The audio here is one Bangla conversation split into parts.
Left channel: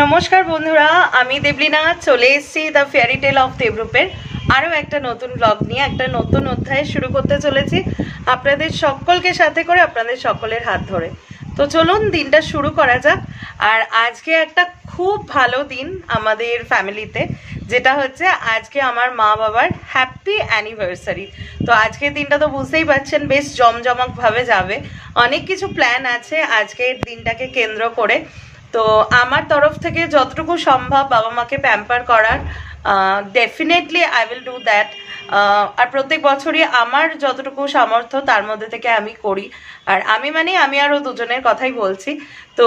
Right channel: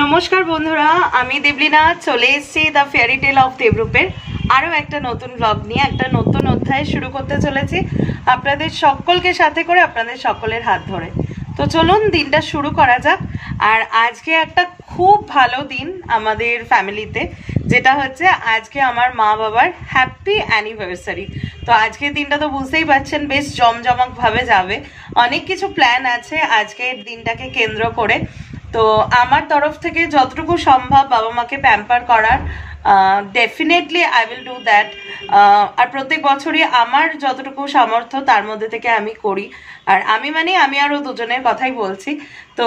নমস্কার বন্ধুরা, আমি দেবলীনা চলে এসেছি দ্য ফেয়ারি টেল অফ দেবরূপের আরও একটা নতুন ব্লগ নিয়ে একটা নতুন অধ্যায় শুরু করতে চলেছি আপনাদের সকলকে সাথে করে, আপনাদের সকলের হাত ধরে। তো চলুন দিনটা শুরু করা যাক। আর আজকে একটা খুব ভালো দিন আমাদের ফ্যামিলিতে, যেটা হচ্ছে আজকে আমার মা বাবার হ্যাপি অ্যানিভার্সারি। তো আজকের দিনটা তো বুঝতেই পারছেন বেশ জমজমকভাবে যাবে। অনেক কিছু প্ল্যান আছে আজকের দিনটাকে কেন্দ্র করে। তো আমার তরফ থেকে যতটুকু সম্ভব বাবা মাকে প্যাম্পার করার, definitely I will do that. আর প্রত্যেক বছরই আমার যতটুকু সামর্থ্য তার মধ্যে থেকে আমি করি। আর আমি আরও দুজনের কথাই বলছি। তো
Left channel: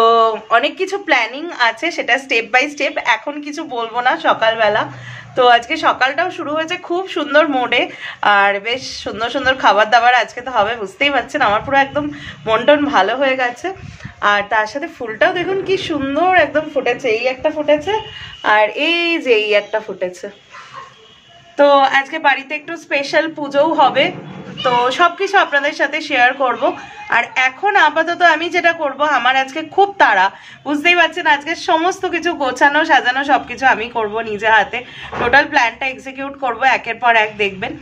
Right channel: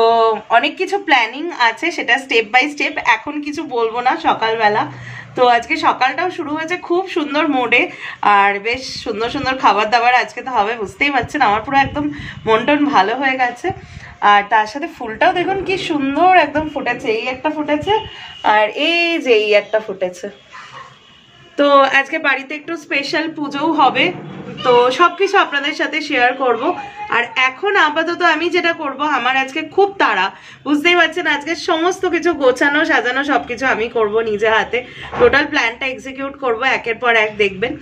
অনেক কিছু প্ল্যানিং আছে, সেটা স্টেপ বাই স্টেপ, এখন কিছু বলবো না। সকালবেলা তো আজকে সকালটাও শুরু হয়েছে খুব সুন্দর মোডে, আর বেশ সুন্দর সুন্দর খাবার দাবার আজকে তো হবে, বুঝতেই পারছেন। আমার পুরো একদম মন টন ভালো হয়ে গেছে। আর তার সাথে ফুলটাও দেখুন কি সুন্দর একদম ফুটেছে। এই একটা ফুটেছে আর এই যে এই একটা ফুটেছে। তো আজকে বাড়িতে একটু স্পেশাল পুজোও হবে, তো সবকিছু আপনাদের সাথে শেয়ার করব। আর এখন আপাতত আমি যেটা করব, আমার আজকে খুব তাড়া, বুঝতেই পারছেন। আজকে সমস্ত কিছু গোছানো সাজানো সবকিছু আমি করব নিজে হাতে। টোটাল প্ল্যানটা এক্সিকিউট করব একের পর এক, দেখবেন।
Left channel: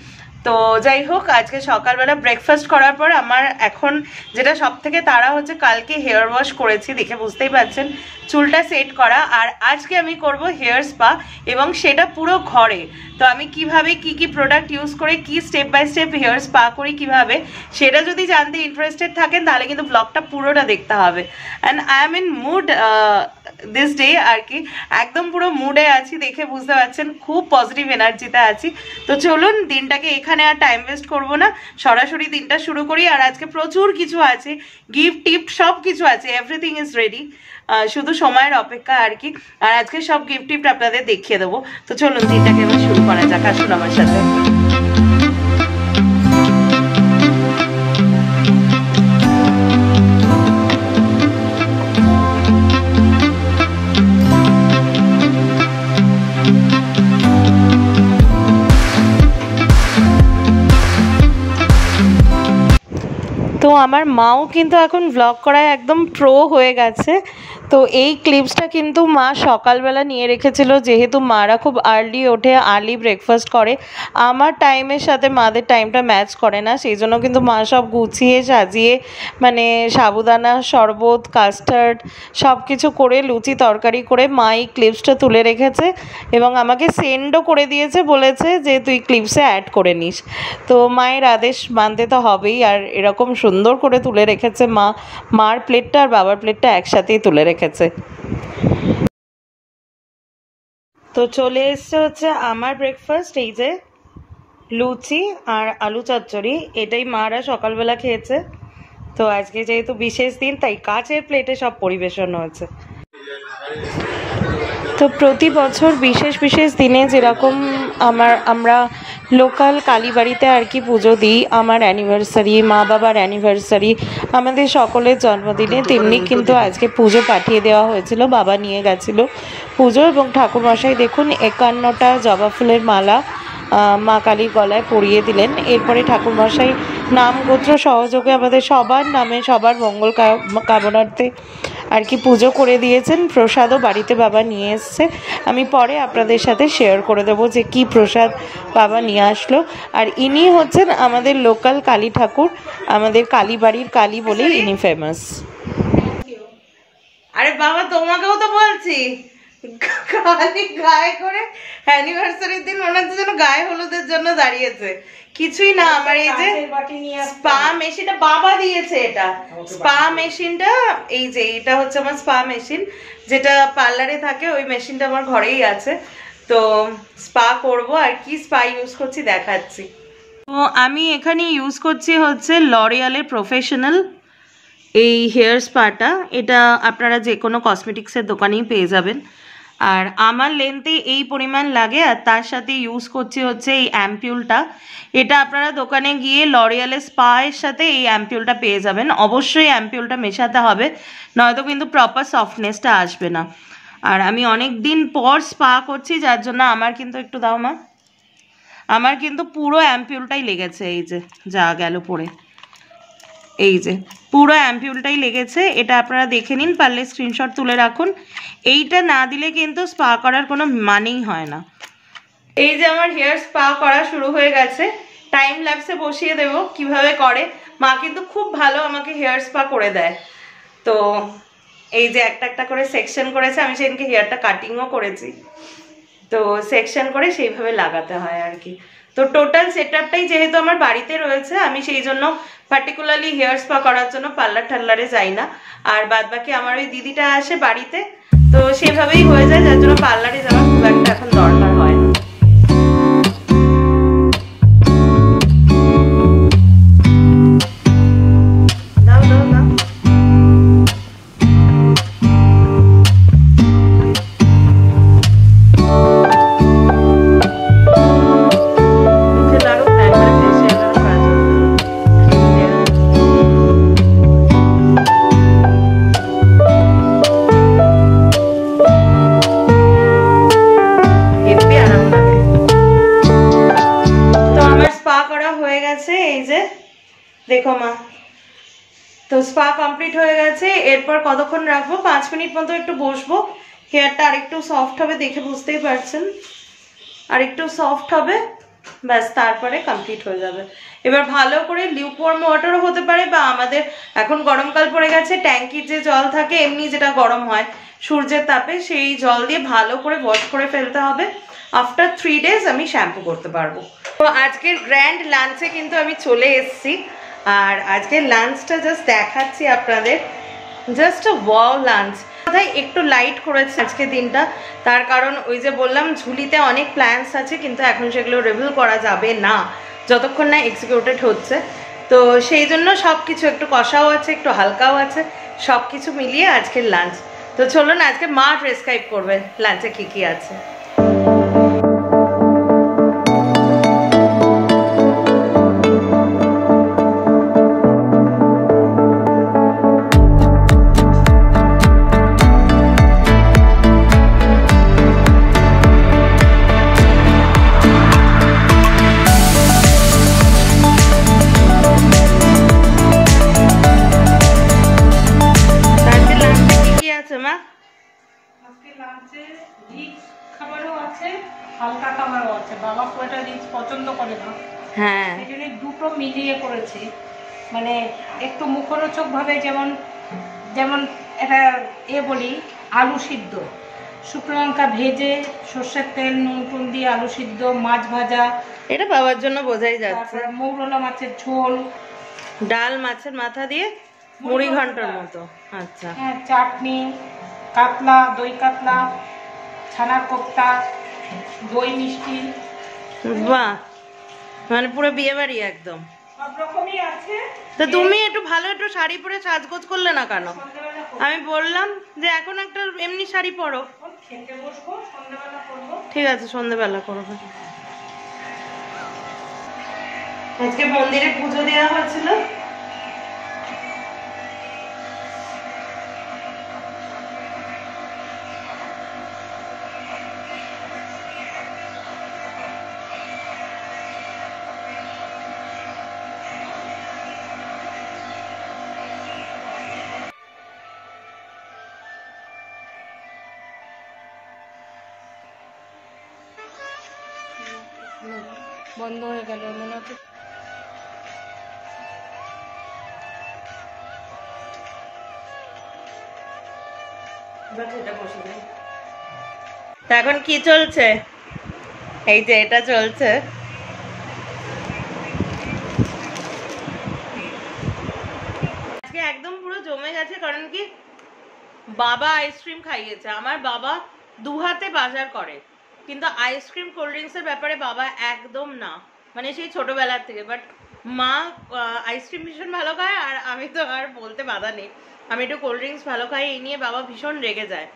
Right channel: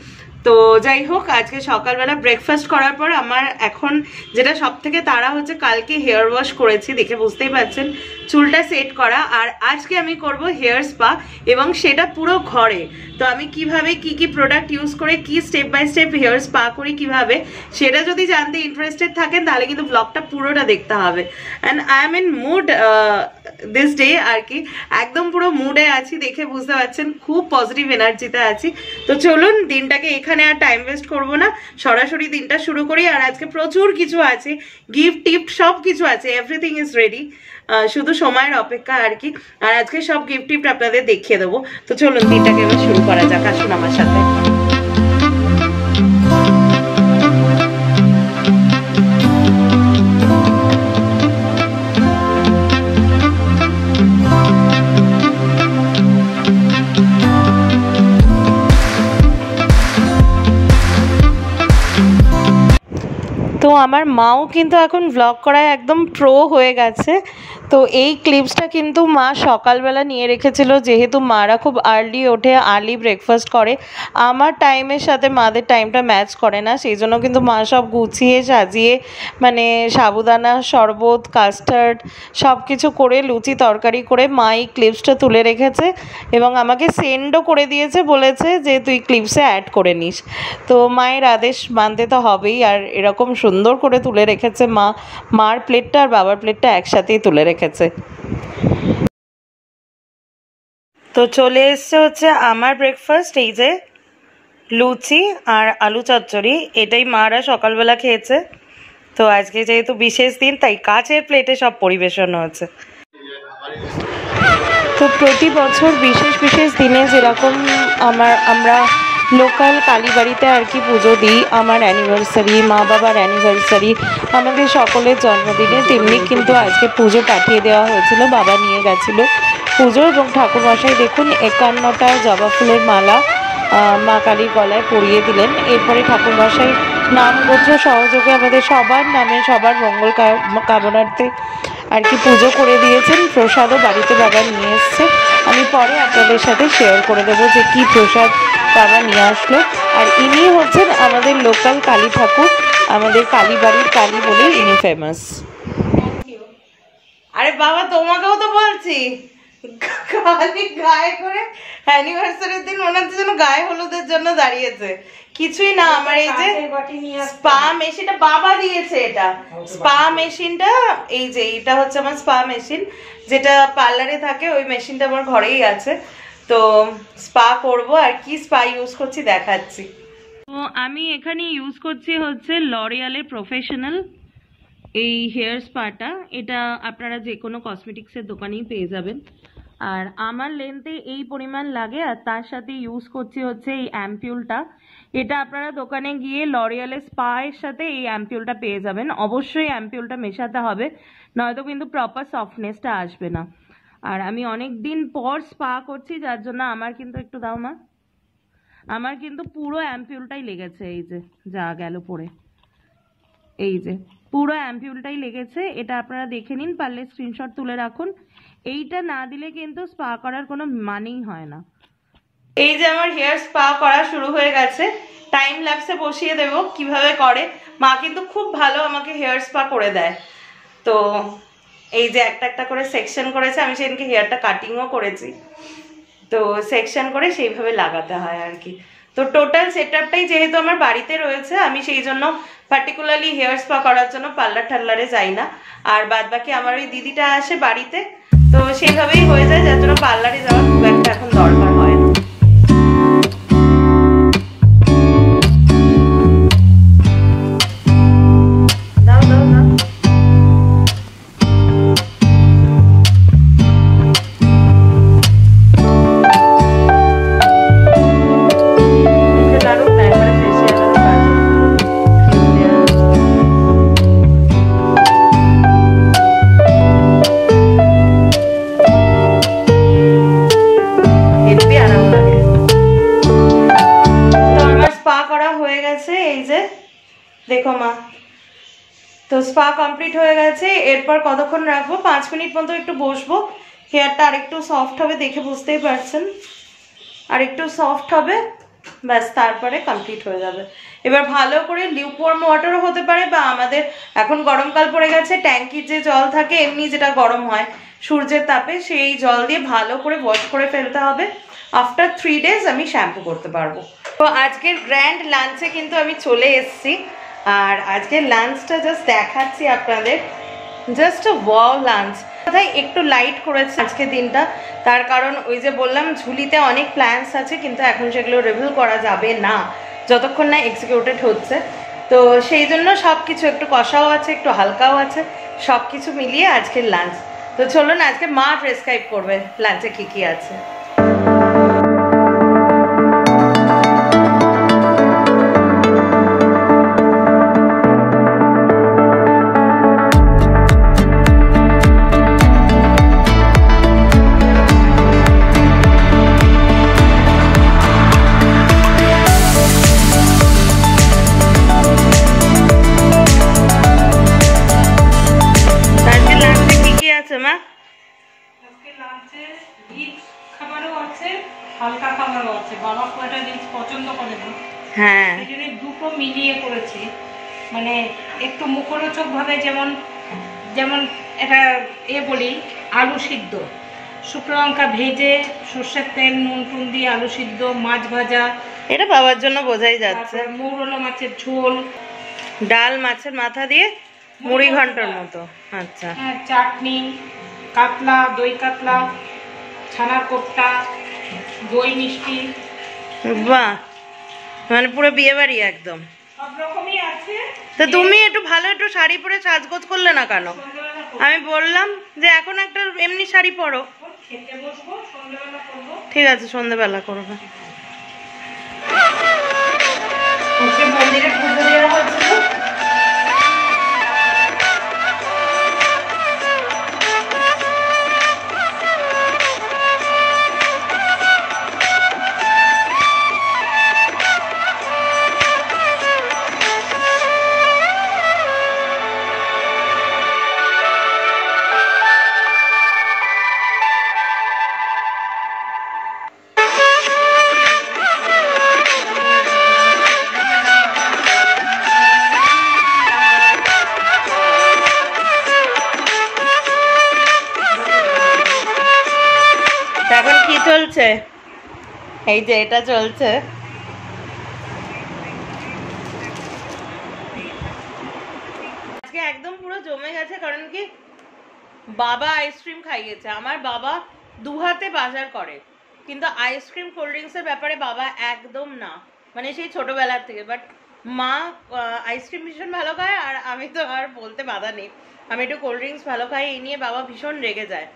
তো যাই হোক, আজকে সকালবেলা ব্রেকফাস্ট করার পর আমার এখন যেটা সব থেকে তাড়া হচ্ছে, কালকে হেয়ার ওয়াশ করেছি দেখে বুঝতেই পারছেন, চুলটা সেট করা। আর আজকে আমি করব হেয়ার স্পা, এবং সেটা পুরো ঘরে। তো আমি কিভাবে কি প্রোডাক্ট ইউজ করে কি step by step hair spa করি কিভাবে, সেটা যদি জানতে ইন্টারেস্টেড থাকেন তাহলে কিন্তু ব্লগটা পুরোটা দেখতে হবে। And I am in mood this day, আর কি একদম পুরো মুডে আছি, দেখে বুঝতে পারছেন খুব পজিটিভ এনার্জিতে আছি। তো চলুন দিনটাকে এখানে আর টাইম ওয়েস্ট করবো না, সরাসরি দিনটা শুরু করি। আর আজকে প্রচুর কিছু আছে, গিফট টিফট সব কিছু আছে, এভরিথিং ইজ রেডি, শুধু সময়ের অপেক্ষা আর কি। আর আজকে সব গিফট টিফট আপনাদের দেখিয়ে দেবো। তো চলুন দিনটাকে এবার শুরু করা যাক, আসুন আমার সাথে। তো আমার মাও কিন্তু এখন ভ্লগ করায় একদম প্রো হয়ে গেছে। তো এই ক্লিপসটা কিন্তু মা সকালবেলা নিয়ে রেখেছিল, যেহেতু মারা খুব আর্লি ওঠে, আর্লি ব্রেকফাস্ট করে। আমার টাইমের সাথে মাদের টাইমটা ম্যাচ করে না, সেই জন্য কিন্তু মা সব গুছিয়ে সাজিয়ে, মানে সাবুদানা শরবত, কাস্টার্ড সব কিছু করে, লুচি তরকারি করে মা এই ক্লিপসটা তুলে রেখেছে এবং আমাকে সেন্ডও করে দিয়েছে, বলেছে যে তুই ক্লিপসে অ্যাড করে নিস। তো মায়ের আদেশ মানতে তো হবেই। আর এরকম সুন্দর করে তুলে রেখেছে মা, মার প্লেটটা আর বাবার প্লেটটা একসাথেই তুলে রেখেছে। তো চলে এসছে হচ্ছে আমার ব্রেকফাস্ট, এই যে লুচি আর আলু চচ্চড়ি, এটাই মারা সকালবেলা খেয়েছে। তো আজকে যেহেতু বিশেষ দিন, তাই কাচের প্লেটে সব পরিবেশন হয়েছে। তো প্রতি বছর বিশেষ বিশেষ দিনে যেরকম আমরা লোকাল কালীবাড়িতে আর কি পুজো দিই, আমার অ্যানিভার্সারি, মা বাবার অ্যানিভার্সারি, আমাদের সকলের জন্মদিনে, তেমনি কিন্তু আজকে পুজো পাঠিয়ে দেওয়া হয়েছিল, বাবা নিয়ে গেছিল পুজো। এবং ঠাকুরমশাই দেখুন 51টা জবা ফুলের মালা মা কালীর গলায় পরিয়ে দিলেন। এরপরে ঠাকুরমশাই নাম গোত্র সহযোগে আমাদের সবার নামে, সবার মঙ্গল কামনার্থে আর কি পুজো করে দিয়েছেন। প্রসাদও বাড়িতে বাবা নিয়ে এসছে, আমি পরে আপনাদের সাথে শেয়ার করে দেবো যে কি প্রসাদ বাবা নিয়ে আসলো। আর ইনি হচ্ছেন আমাদের লোকাল কালী ঠাকুর, আমাদের কালীবাড়ির কালী বলেই ইনি ফেমাস। আরে বাবা তোমাকেও তো বলছি, কালী গায়ে করে অ্যানিভার্সারির দিন মনে হচ্ছে যেন গায়ে হলুদের জন্য দাঁড়িয়েছে। কিছুই না, আমার এই যে স্পা মেশিনটা বাবা দিয়েছে, এটা স্পা মেশিনটা, এই যে এটা হচ্ছে আমার স্পা মেশিন, যেটা পার্লারে থাকে, ওই মেশিনটা আমার ঘরেই আছে। তো স্পা করব, আর কি স্পা ইউজ করছি দেখাচ্ছি। তো আমি এখানে ইউজ করছি হচ্ছে লরিয়ালের প্রফেশনাল এই হেয়ার স্পাটা। এটা আপনারা যে কোনো কসমেটিক্সের দোকানেই পেয়ে যাবেন। আর আমার লেন্থে এই পরিমাণ লাগে, আর তার সাথে ইউজ করছি হচ্ছে এই অ্যাম্পিউলটা। এটা আপনারা দোকানে গিয়ে লরিয়ালের স্পায়ের সাথে এই অ্যাম্পিউলটা পেয়ে যাবেন। অবশ্যই অ্যাম্পিউলটা মেশাতে হবে, নয়তো কিন্তু প্রপার সফটনেসটা আসবে না। আর আমি অনেক দিন পর স্পা করছি, যার জন্য আমার কিন্তু একটু দাও মা, আমার কিন্তু পুরো অ্যাম্পিউলটাই লেগেছে, এই যে যা গেল পড়ে। এই যে পুরো অ্যাম্পিউলটাই লেগেছে, এটা আপনারা দেখে নিন, পারলে স্ক্রিনশট তুলে রাখুন। এইটা না দিলে কিন্তু স্পা করার কোনো মানেই হয় না। এই যে আমার হেয়ার স্পা করা শুরু হয়ে গেছে, টাইম ল্যাপসে বসিয়ে দেবো কিভাবে করে। মা কিন্তু খুব ভালো আমাকে হেয়ার স্পা করে দেয়। তো এই যে একটা একটা করে সেকশন করেছে, আমি সেদিনকে হেয়ারটা কাটিংও করেছি, তো সেকশন করে সেইভাবে লাগাতে হয় আর কি। তো টোটাল সেটআপটাই যেহেতু আমার বাড়িতে রয়েছে, আমি সেই জন্য পার্টিকুলারলি হেয়ার স্পা করার জন্য পার্লার টার্লারে যাই না। আর বাদ বাকি আমার ওই দিদিটা আসে বাড়িতে, তো সেইভাবেই হয়ে যায়, যার জন্য পার্লারে যাওয়ার খুব একটা এখন দরকার হয় না। দাও দাও দাও। মুখে লাগুক না, একবারে ফেসিয়ালের কাজ হয়ে গেল। ক্রিম দেওয়া হেব্বি আরাম লাগে। তো আমার স্পা করা হয়ে গেছে, এই যে দেখো মা। তো স্পা কমপ্লিট হয়ে গেছে। এরপর কতক্ষণ রাখবো? 5 মিনিট মতো একটু বসবো। হেয়ারটা আরেকটু সফট হবে, দেখে বুঝতেই পারছেন, আরেকটু সফট হবে, ব্যাস তারপরে কমপ্লিট হয়ে যাবে। এবার ভালো করে লিউকওয়ার্ম ওয়াটারও হতে পারে, বা আমাদের এখন গরমকাল পড়ে গেছে, ট্যাঙ্কির যে জল থাকে এমনি যেটা গরম হয় সূর্যের তাপে, সেই জল দিয়ে ভালো করে ওয়াশ করে ফেলতে হবে। আফটার 3 ডেজ আমি শ্যাম্পু করতে পারবো। তো আজকের গ্র্যান্ড লাঞ্চে কিন্তু আমি চলে এসেছি, আর আজকের লাঞ্চটা জাস্ট দেখাচ্ছি আপনাদের। জাস্ট আ ওয়াও লাঞ্চ। কোথায় একটু লাইট করেছে আজকে দিনটা, তার কারণ ওই যে বললাম ঝুলিতে অনেক প্ল্যানস আছে, কিন্তু এখন সেগুলো রিভিল করা যাবে না যতক্ষণ না এক্সিকিউটেড হচ্ছে। তো সেই জন্য সব কিছু একটু কষাও আছে, একটু হালকাও আছে, সব কিছু মিলিয়ে আজকের লাঞ্চ। তো চলুন আজকে মা প্রেসক্রাইব করবে লাঞ্চে কি কি আছে। মা আজকে লাঞ্চে রিচ খাবারও আছে, হালকা খাবারও আছে। বাবা খুব একটা রিচ পছন্দ করে না, হ্যাঁ এই জন্য দুটো মিলিয়ে করেছি। মানে একটু মুখরোচক ভাবে, যেমন যেমন এটা বলি, আলু সিদ্ধ, শুকনো লঙ্কা ভেজে সর্ষের তেল নুন টুন দিয়ে আলু সিদ্ধ, মাছ ভাজা, এটা বাবার জন্য বোঝাই যাচ্ছে, মৌরলা মাছের ঝোল, ডাল মাছের মাথা দিয়ে মুড়ি ঘন্টার মতো, আচ্ছা হ্যাঁ, চাটনি, কাতলা, দই কাতলা, ছানার কোপ্তা, দই মিষ্টি, বাহ, মানে পুরো বিয়ে বাড়ি একদম। সব রকমই আছে। তো তুমি একটু ভালো একটু শাড়ি পরে সাজগোজ করলে না কেন? আমি বললাম যে এখন একটা এমনি শাড়ি পরো। খেতে বসবো, সন্ধ্যাবেলা করবো। ঠিক আছে, সন্ধ্যাবেলা করবে। ওকে মন্দিরে পুজো দেওয়া হচ্ছিল। এখন কি চলছে? এই যে এটা চলছে। আজকে একদম পুরো জমে গেছে, কারণ কি বাবা আইসক্রিম খাইয়েছে। আমার বাবা দুহাতে বাজার করে, কিন্তু আইসক্রিম কোল্ড ড্রিঙ্কসের ব্যাপারে বাবা একদম না, মানে সেই ছোটবেলার থেকে। বাট মা আইসক্রিম ভীষণ ভালো খায়, আর আমি তো আর বলতে বাধা নেই, আমি একটু কোল্ড ড্রিঙ্কস ভালো খাই, এই নিয়ে বাবা ভীষণ রেগে যায়।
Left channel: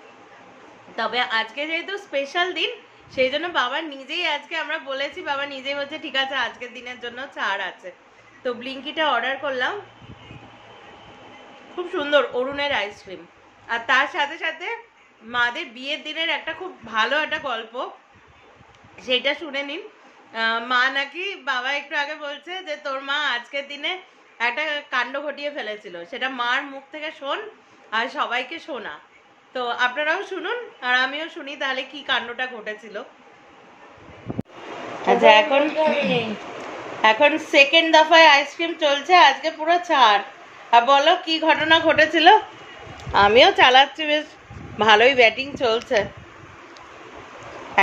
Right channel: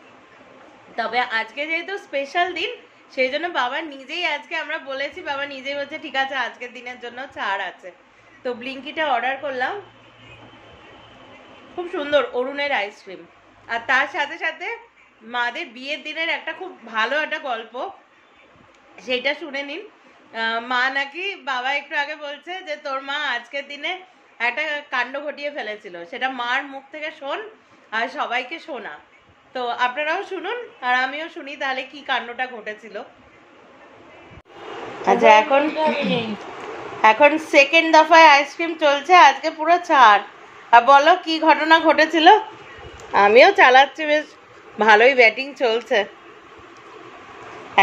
তবে আজকে যেহেতু স্পেশাল দিন, সেই জন্য বাবা নিজেই, আজকে আমরা বলেছি, বাবা নিজেই বলছে ঠিক আছে আজকের দিনের জন্য ছাড় আছে। তো ব্লিঙ্কিটা অর্ডার করলাম, খুব সুন্দর অরুণের আইসক্রিম। আর তার সাথে সাথে মাদের বিয়ের দিনের একটা খুব ভালো একটা গল্প, সেটা শুনে নিন। মা নাকি, বাবা একটু আগে বলছে যে তোর মা আজকের দিনে একটা কাণ্ড ঘটিয়ে ফেলেছিল, সেটা মার মুখ থেকে শোন আর সবাইকে শোনা। তো আপনারাও শুনুন আর আমিও শুনি তাহলে কি কাণ্ডটা ঘটেছিল। আচ্ছা, এখন সেকেন্ড দফায় আইসক্রিম চলছে, আজকে পুরো ছাড়। আর বলো কি ঘটনা ঘটেছিল। আমিও চালাচ্ছি, বেশ ভালোই ব্যাটিং চলছে।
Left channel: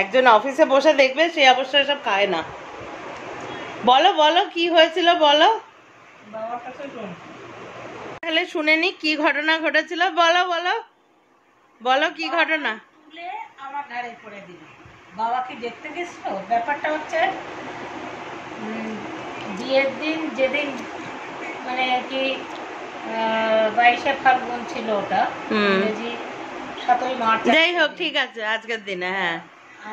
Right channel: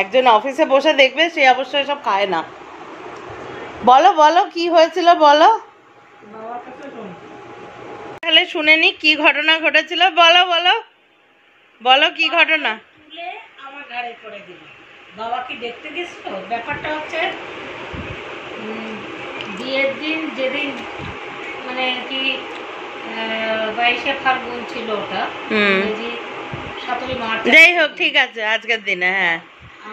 একজন অফিসে বসে দেখবে, সে অবশ্যই সব খায় না। বলো বলো কি হয়েছিল বলো, তাহলে শুনে নি কি ঘটনা ঘটেছিল। বলো বলো বলো কি ঘটনা। আমার ঘাড়ে পড়ে দিল। বাবা কি দেখতে গেছিল? ব্যাপারটা হচ্ছে বিয়ের দিন, যেদিন মানে কি 22শে ফাল্গুন ছিল, ওটা 7ই মার্চ, যাই হোক ঠিক আছে, আজকের দিনে হ্যাঁ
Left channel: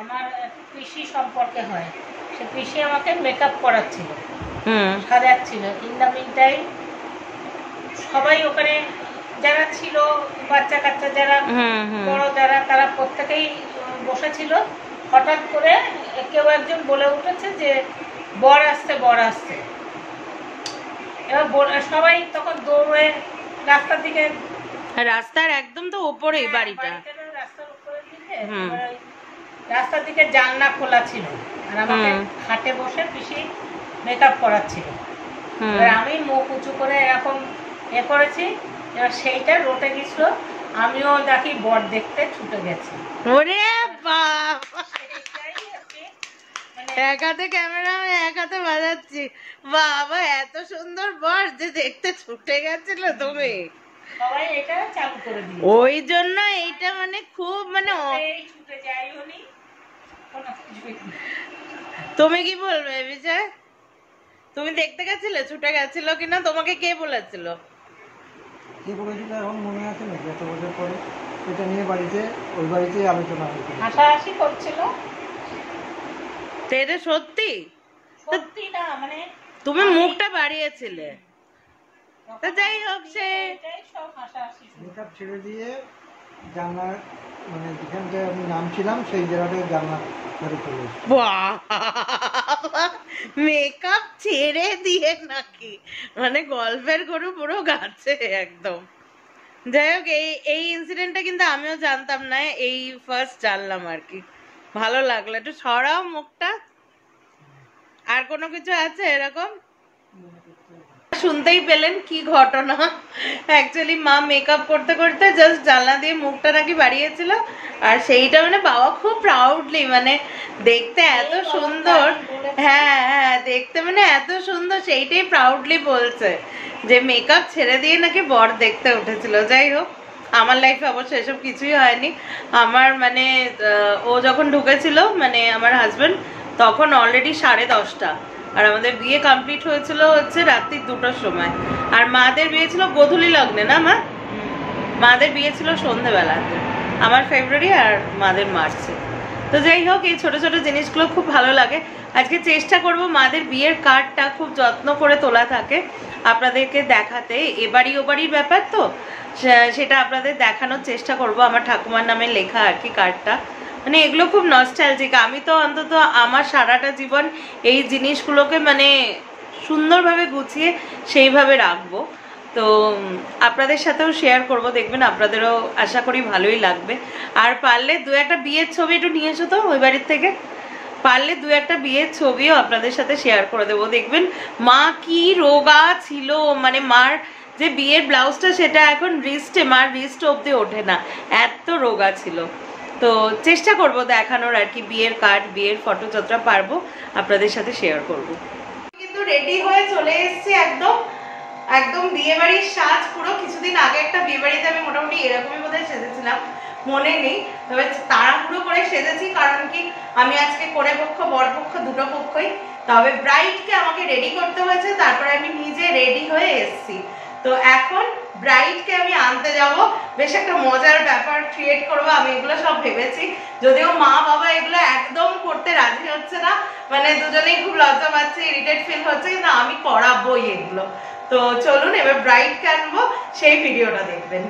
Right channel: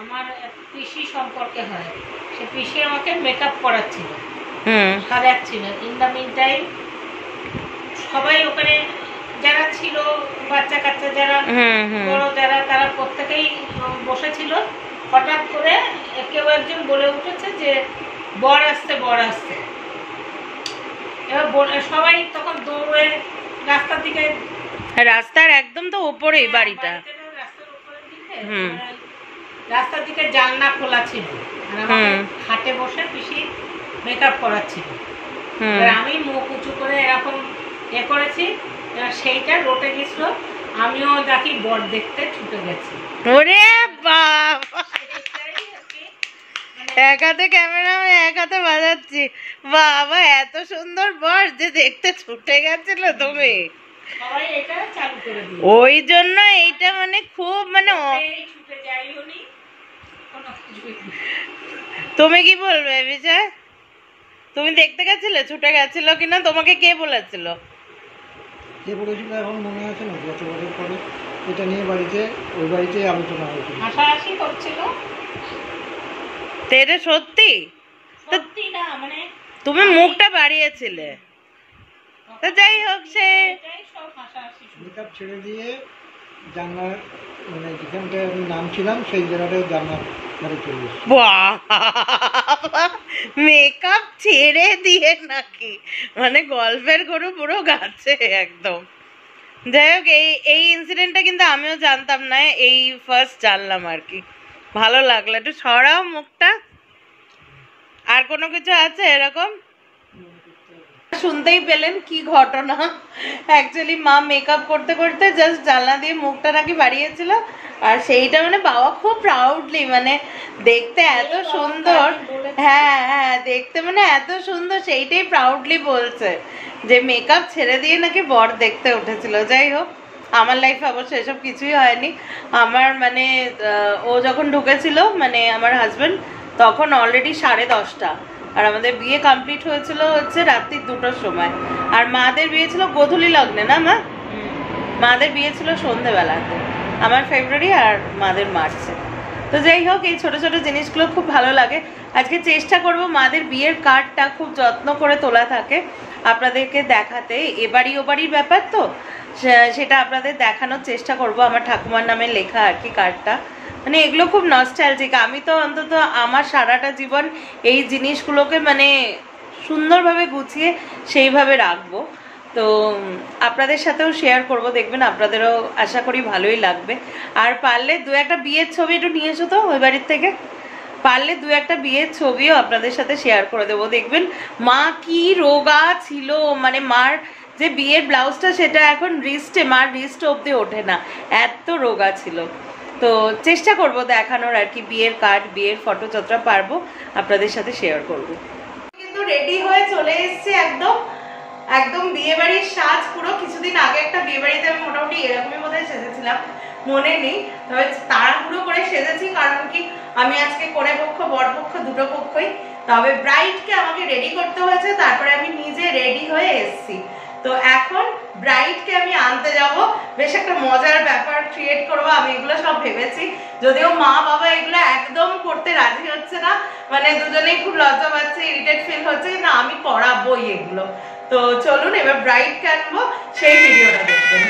আমার পিসি সম্পর্কে হয়। সে পিসি আমাকে মেকআপ করাচ্ছিল, সাজাচ্ছিল। ইন দ্য মিন টাইম সবাই ওখানে যারা ছিল, বাচ্চা কাচ্চা যারা, বড় যারা, তারা প্রত্যেকেই বসেছিল। হঠাৎ করে কেউ একজন বলে উঠেছে যে বর আসছে, বর আসছে। এবার সবাই তখন দৌড়ে রাস্তার দিকে, রাস্তার একদম তো উপরেই বাড়িটা, রাস্তার উপরের দিকে, রাস্তার দিকে জানলা খোলা ছিল আর আমাকে খাটে বসে পিসি মেকআপ করাচ্ছিল। আমি মুখ উঁচু করে এরকম করেছি, এবার সেইটা রটে গেছিল। আমিও দেখি বর দেখতে ছুটে গেছি। ওরে বাবা, এক হাতে ক্যামেরা, এক হাতে বাজাচ্ছি। বাবা, এত সুন্দর বর যে দেখতে ছুটে গেছিল তুমি। সবাই এটা চালু করে দিল, ওই জন্য এইটা মানে খুব মানে ছুটে যাই উনি। তুমি কি বলবে বিজয়? তুমি দেখতে গেছিলে ছুটে গেছিল কিনা? তোমাকে কে বলেছিল? যে বলেছিল এখন মনে আছে না, যত বছর পরে এটা নিয়ে বাড়িতে, ওই বাড়িতে আলোচনা হয়েছিল, হাসাহাসি করছিল। এটা সত্যি? সত্যি না, মানে তুমি মুখটা বাড়িয়েছিলে। তো যাই হোক, সে মেকআপ ছেড়ে দিয়ে জানলার মানে যেখানটায় আমি নামছিলাম সেই জায়গাটায় জানলার ধারে চলে এসেছি। মেকআপ ছেড়ে দিয়ে নাকি? মানে গল্পের গরু পুরো গাছে একদম। যাই হোক, এই ইনসিডেন্টটা কিন্তু আমিও জানতাম না, এই ফার্স্ট জানলাম আর কি। ভালো লাগলো। একটু সরাও মুখটা। আর কোনো কিছু আছে এরকম? শুনতেই পেলেন কি ঘটনা। অ্যাকচুয়ালি মা মেকআপ করতে করতে জাস্ট জানলা দিয়ে মুখটা নাকি বাড়িয়েছিল, আর সেইটা মানে বাবা খুব প্রাউডলি, মানে দেখতে এত সুন্দর, হ্যাঁ হ্যাঁ দেখতে মানে এত সুন্দর, সেইটাই প্রাউডলি বলছে যে মেকআপ ছেড়ে দিয়ে নাকি বর দেখতে উঠেছিল। যাই হোক, আমার লাইফে অবশ্য এসব কিছুই হয়নি। আমার মানে ও যখন ঢুকেছিল, মানে আমার হাজবেন্ড, তখন অলরেডি 10:30, আর আমাদের বিয়ে কমপ্লিট হয়েছিল হচ্ছে রাত্রি 2টোর সময়। আর মাদের বিয়ে ছিল গোধূলি লগ্নে, না মা? মাদের বিয়ে ছিল সন্ধেবেলাতে, আমার ফেব্রুয়ারি আর মাদের মার্চে। তো যাই হোক, এই ছোট ছোট জিনিসগুলো খুব ভালো লাগে। আজকে চেষ্টা করব মাদের বিয়ের কার্ডটা খুব যত্ন করে তোলা থাকে আপনাদেরকে দেখাতে। এবাড়ি ওবাড়ির ব্যাপার তো, সেটা আপনাদের দেখানোর চেষ্টা করব। আমার ঠাকুমার নামে লেখা আর কি কার্ডটা, মানে এগুলো খুব নস্টালজিক। আমি তো অন্তত আমার সারাটা জীবন এই জিনিসগুলোকে মানে সুন্দরভাবে গুছিয়ে সেইভাবে রাখবো। তো আপনাদের সাথেও শেয়ার করব, দেখবেন আপনাদেরও আশা করি ভালোই লাগবে। আর পারলে 2-1টা বিয়ের ছবি একটু নিয়ে এসো তো ওই বাড়ির থেকে। পারলে 2-1টা বিয়ের ছবিও আপনাদের সাথে শেয়ার করে দেবো। দেখবেন মা কি রোগা ছিল, মানে মার যে বিয়ের ব্লাউজটা সেটা এখন রিস্টে, মার রিস্ট অবধি ওঠে না, এত রোগা ছিল। তো চেষ্টা করব দেখানোর আর কি, বিয়ের কার্ড, বিয়ের ফটো যতটা পারবো আপনাদের সাথে শেয়ার করব। কিন্তু রেডি হয়ে চলে এসেছে একদম একদম বিয়ে বাড়ির সাজ পুরো। কিছুদিন আগে একটা বিয়ে বাড়িতে আমি মোটামুটি এরকমই বোধহয় সেজেছিলাম, মনে নেই, তবে তাড়াহুড়ো করে সেজেছি। কারণ কি, আমি আজকে কনে পক্ষ বর পক্ষ দুটো পক্ষই, তবে ব্রাইডকে আমাকে রেডি করতে হয়েছে, তারপরে আমি নিজে রেডি হয়ে এসেছি। তো এখন ব্রাইডকে আমি আনতে যাব, বেশ একটা মজার ব্যাপার ক্রিয়েট করবো আমি, এগুলো সব ভেবেছি। যদিও মা বাবা এগুলো একদম করতে রাজি হচ্ছে না, মানে দুজনেই খুব লজ্জা পাচ্ছে, ইরিটেট ফিল হচ্ছে, কিন্তু আমি করাবোই এগুলো। তো চলুন এবার ব্রাইডকে আনবো, সেই ভিডিওটা দেখবেন।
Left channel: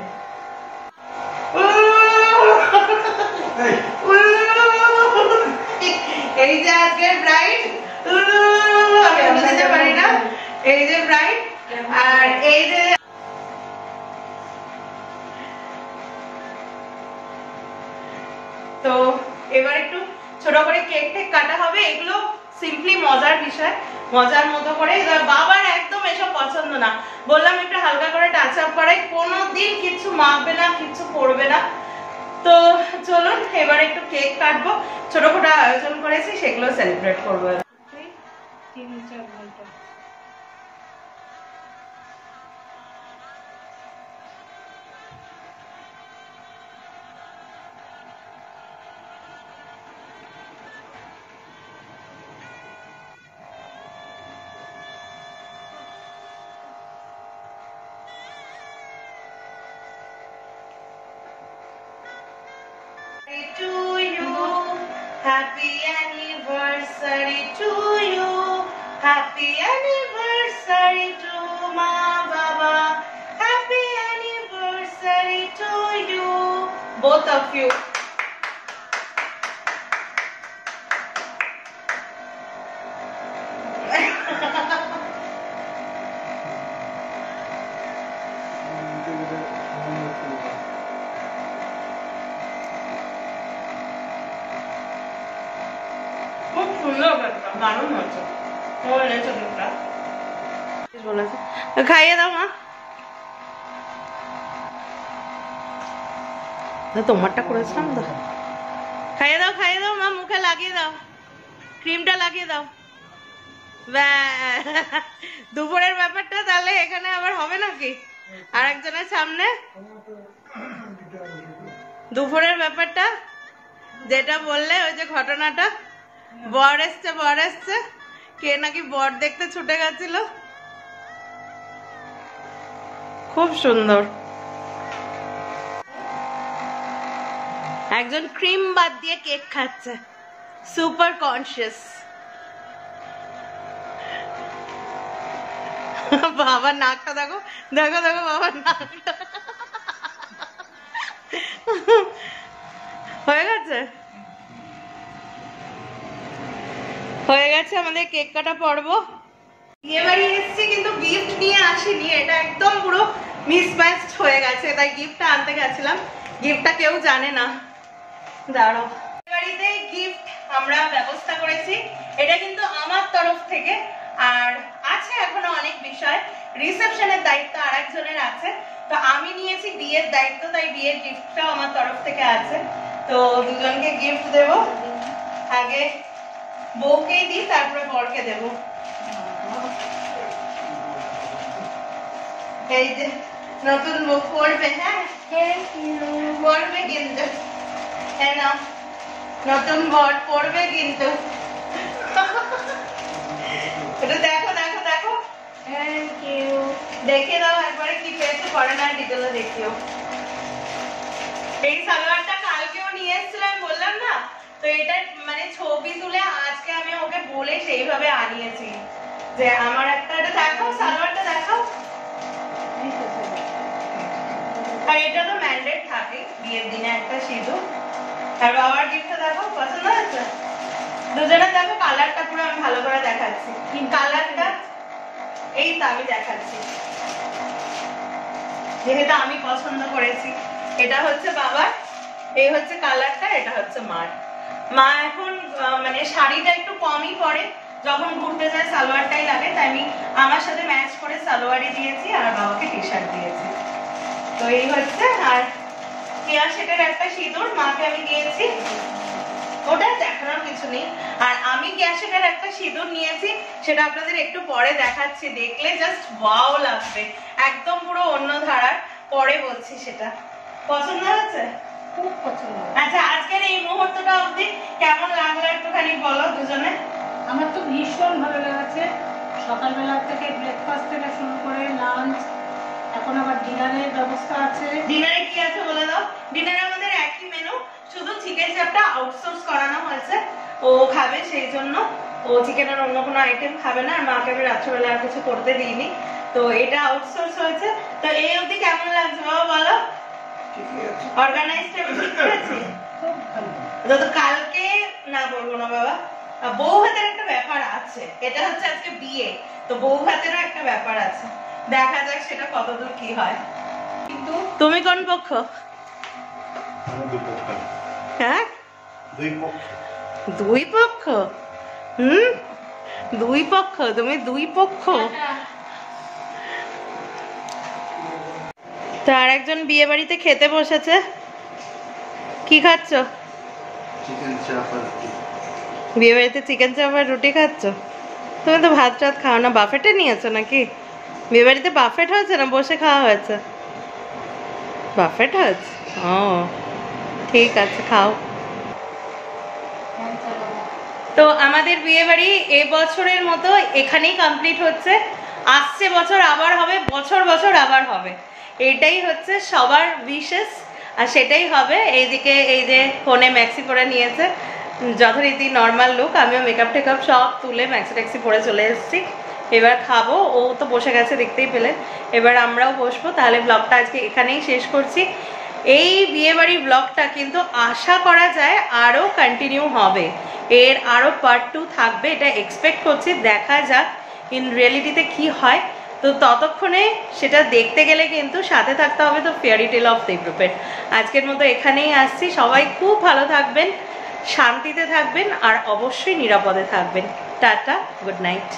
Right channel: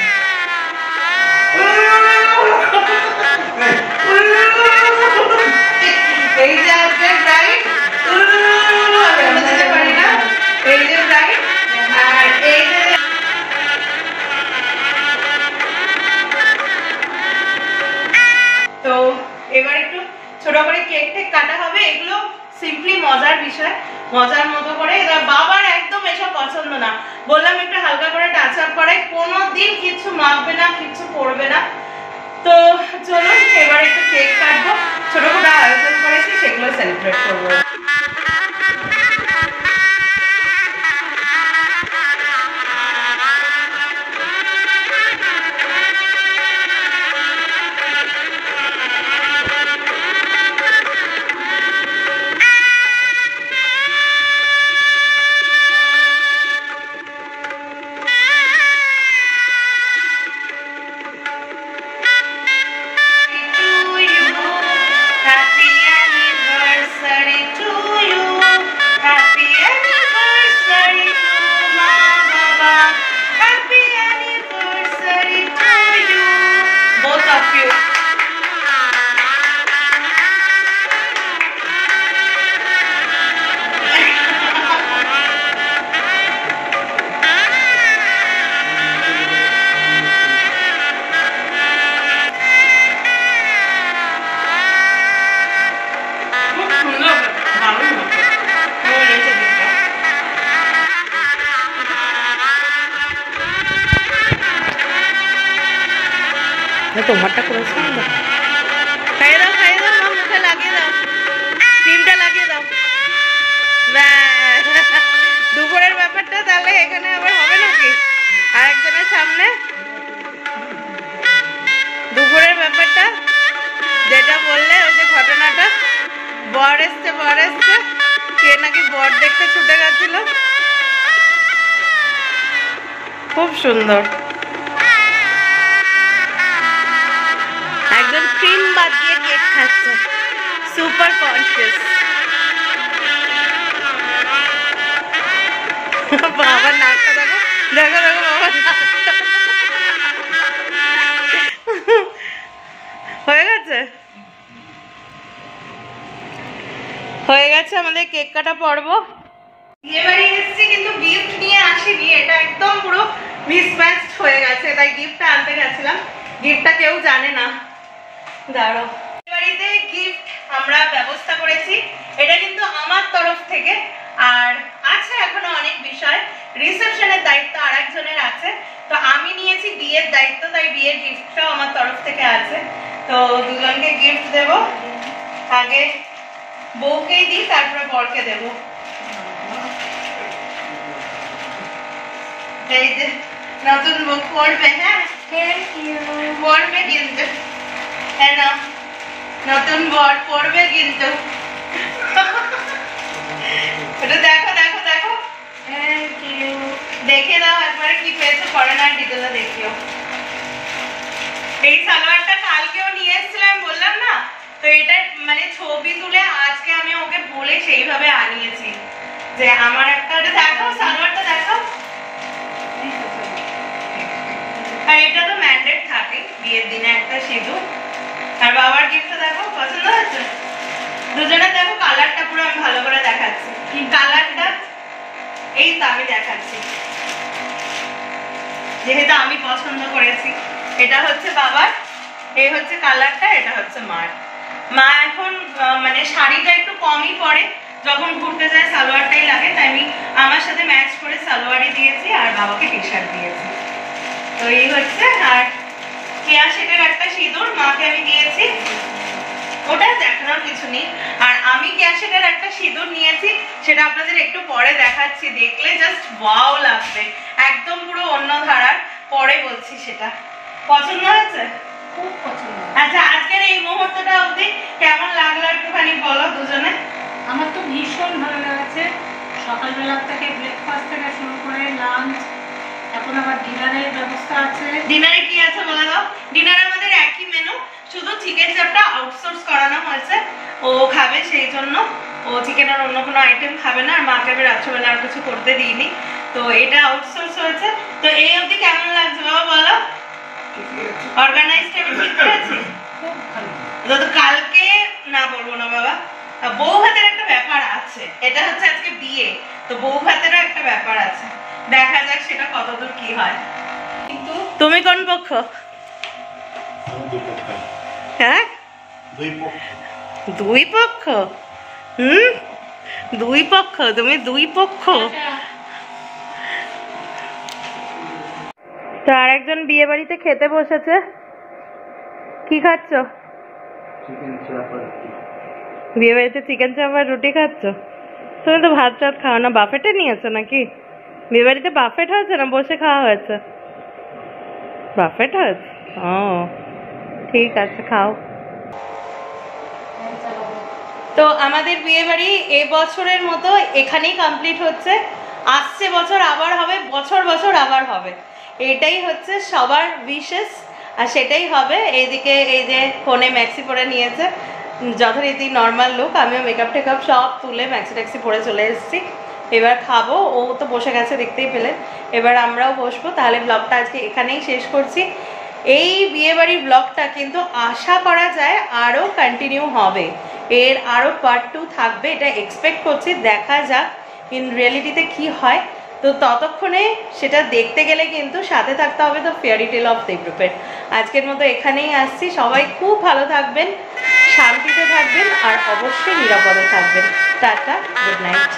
এই যে আজকের ব্রাইড, এই যে ব্রাইড, তো এবার একটু ছোট করে কেক টেক কাটা হবে, এগুলো সিম্পলি মজার বিষয়, মজার মতো করে। এবার বাবার একদম এসব পছন্দ না, বললাম একটু হালকা করে টাচ আপ করে, কোনোদিন কিছু মাখবে না, কিছু করবে না। তো চলুন এবার একটু কেক কাটবো, ছোটখাটো আয়োজন করেছি সেগুলো সেলিব্রেট করবো। Happy anniversary to you. Happy anniversary to my Baba. Happy anniversary to you. Both of you. খাইয়ে দাও না, তোমারটা করেছিলাম তো। খাইয়ে দাও মা, মুখে লাগিয়ে দাও, ক্রিমটা লাগিয়ে দাও। দুপুরের ব্যাপারটা তাহলে এখানে আবার হবে নাকি আরেকজনের সামনে? দুপুরের ব্যাপারটা যেটা বললে, ওই যে ঘটনাটা, বর এসছে কে নাকি বর দেখতে ছুটে গেছিল, খুব সুন্দর। একজন ক্রিম বাদ দিয়ে কেক খাচ্ছে, সুপার কনসিয়াস। বাবার নাকটা দেখো বাবার নাকটা হয়ে গেছে আমাদের কেক কাটা পর্ব। এবারে এসেছি কিন্তু গিফট নিয়ে আসিনি, এটা একদম পুরো মিসম্যাচড হয়ে গেছে, তাই গিফটটা আনতে গেছিলাম, গিফটটা কেউ জানে না। দাঁড়াও, বাড়িতে গিফট আমরা ব্যবস্থা করেছি, এটা কিন্তু আমার তরফ থেকে। আর আছে এখনো অনেক বিষয়, রিসেপশনের দায়িত্ব আরেকজনের আছে, তো আমি নিয়েছি বিয়ের দায়িত্ব, তাই বিয়ের গিফটটাও আমার তরফ থেকে আছে। তো দুজনকে গিফট দেব, আগে বউকেই দিই তারপরে বরকে দেব। এই যে নতুন বউ পড়বে, হ্যাঁ পড়বে কিন্তু, হ্যাঁ না নতুন বর পড়বে কিন্তু। এটা দেখো দেখো দেখো, দেখে দাও একবারে কি পেয়েছো, পরে না ডিটেলে দেখিও। এই সালোয়ারটা কালকেও নিয়ে এসেছিলাম বললাম না, তো এটা মানে ছবি তুলে আজকে আমি ওকে বলে সেইভাবে আনিয়েছি যে আমার একটা, দেখাও সালোয়ারটা দেখাও। আর এটা তো ম্যান্ডেট থাকে বিয়ের দিনে একটা সিঁদুর। আর বাবার গিফটটা দেখো, পছন্দ হয়েছে? দুজনে দেখো কালারটা পুরো আমি ভালো করে দেখাচ্ছি, কালারটা এই তো আমি দেখাচ্ছি, যেহেতু আমি পছন্দ করেছি। এটা হচ্ছে বাবার, এই হচ্ছে কালারটা, এটা হচ্ছে মার। মা এখন মানে শাড়িটা একটু কমই পরে, যখন ঘুরতে যায় সালোয়ারটাই লাগে, তাই আমি আমার সাথে ম্যাচ করে সালোয়ারই দিয়েছি আর বাবাকে টি শার্ট দিয়েছি। তো এই হচ্ছে, আর কেয়া শেটের একটা সিঁদুর মাকে আমি দিয়েছি, ওটা দেখানোর কিছু নেই। আর আমি কেয়া শেটের একটা সিঁদুর নিয়েছি, সেটা আপনাদের একটু পরে দেখাচ্ছি, দেখলে জাস্ট ওয়াও লাগবে, একদম পুরো অন্য ধারার, পরে বলছি সেটা। পছন্দ হয়েছে? খুব পছন্দ। আচ্ছা, আজকের এই মুহূর্তটা অবধি কেমন লাগলো একটুখানি বলো দুজনে। আমার তো ভীষণ ভালো লেগেছে, সকালবেলা থেকে ব্রেকফাস্ট থেকে শুরু করে লাঞ্চ, এখন আবার ডিনারের ব্যবস্থা আছে। ডিনারে কি আছে বলে দাও। ডিনারে আমাদের একই মেনু, শুধু চিকেন চাপটা আউটসোর্স করানো হয়েছে, ও খাবে সেই জন্য, ও চিকেনের অন্য কোনো আইটেম খাবে না, আর মাকে আমি রাত্রেবেলা আর কিছু করতে দিইনি, তো এটা আউটসোর্স হয়েছে। তো এই অবধি কেমন লাগছে বাবা বলো? অর্গানাইজড আমি ঠিক করেছি, খুব ভালো। তো কালকে না বলবো না বাবা, বউ ভাতের একটা ব্যাপার আছে, এটা হচ্ছে আজকে বিয়ে, তো বউ ভাতেরও একটা ব্যাপার আছে, দেখা যাক সেটা কতদূর কি হয়। কিন্তু তুমি কোন পক্ষ? হ্যাঁ দুই পক্ষ? দুই পক্ষ? তুমি দুই পক্ষ? তো আর একজন বিয়ে বাড়িতে খেতে বসেছে। কি খাচ্ছ? বিয়ে বাড়িতে চিকেন চাপ আর রুটি খাচ্ছ? তুমি তো ভাত টাত খাও না, বাফেটে নিয়েছো নাকি? বিয়ে বাড়িতে বাফেট হয়েছে না বসে খাওয়া হয়েছে? বাফেট হয়েছে, ও ঠিক আছে, খাও। তো আমাদের বিয়ে বাড়ি এবছরের মতো এখানেই কমপ্লিট হচ্ছে। আসছে বছর আবার হবে, বছর বছর আবার হবে, এটাই হচ্ছে সবার উইশেস, আর সেটাই হবে। এইদিকে এই যে ফোনে ম্যাক্সি পরে নিয়েছে, যথারীতি নর্মাল লুক। আমিও মেকআপ টেকআপ সব তুলে ম্যাক্সি ট্যাক্সি পরে চলে এসেছি। এবার খাবো, ও তো বসে গেছে দেখতেই পেলেন। এবার আমরাও বসবো। তাহলে ব্লগটা আজকে এখানেই শেষ করছি। এই বিয়েবাড়ির ব্লগটা কিন্তু আশা করা যায় আরও কন্টিনিউ হবে, এর আরও পার্ট 2 থাকবে, এটা এক্সপেক্ট করছি। দেখা যাক ইন রিয়েলিটিতে কি হয়। তো ততক্ষণে সেটা দেখতে গেলে কিন্তু সাথে থাকতে হবে তো ফেয়ারি টেল অফ দেবরূপের। আজকের মতো এখানেই আসছি। সবাই খুব ভালো থাকবেন, শান্তিতে থাকবেন, আর অবশ্যই নিরাপদে থাকবেন। Tata, good night.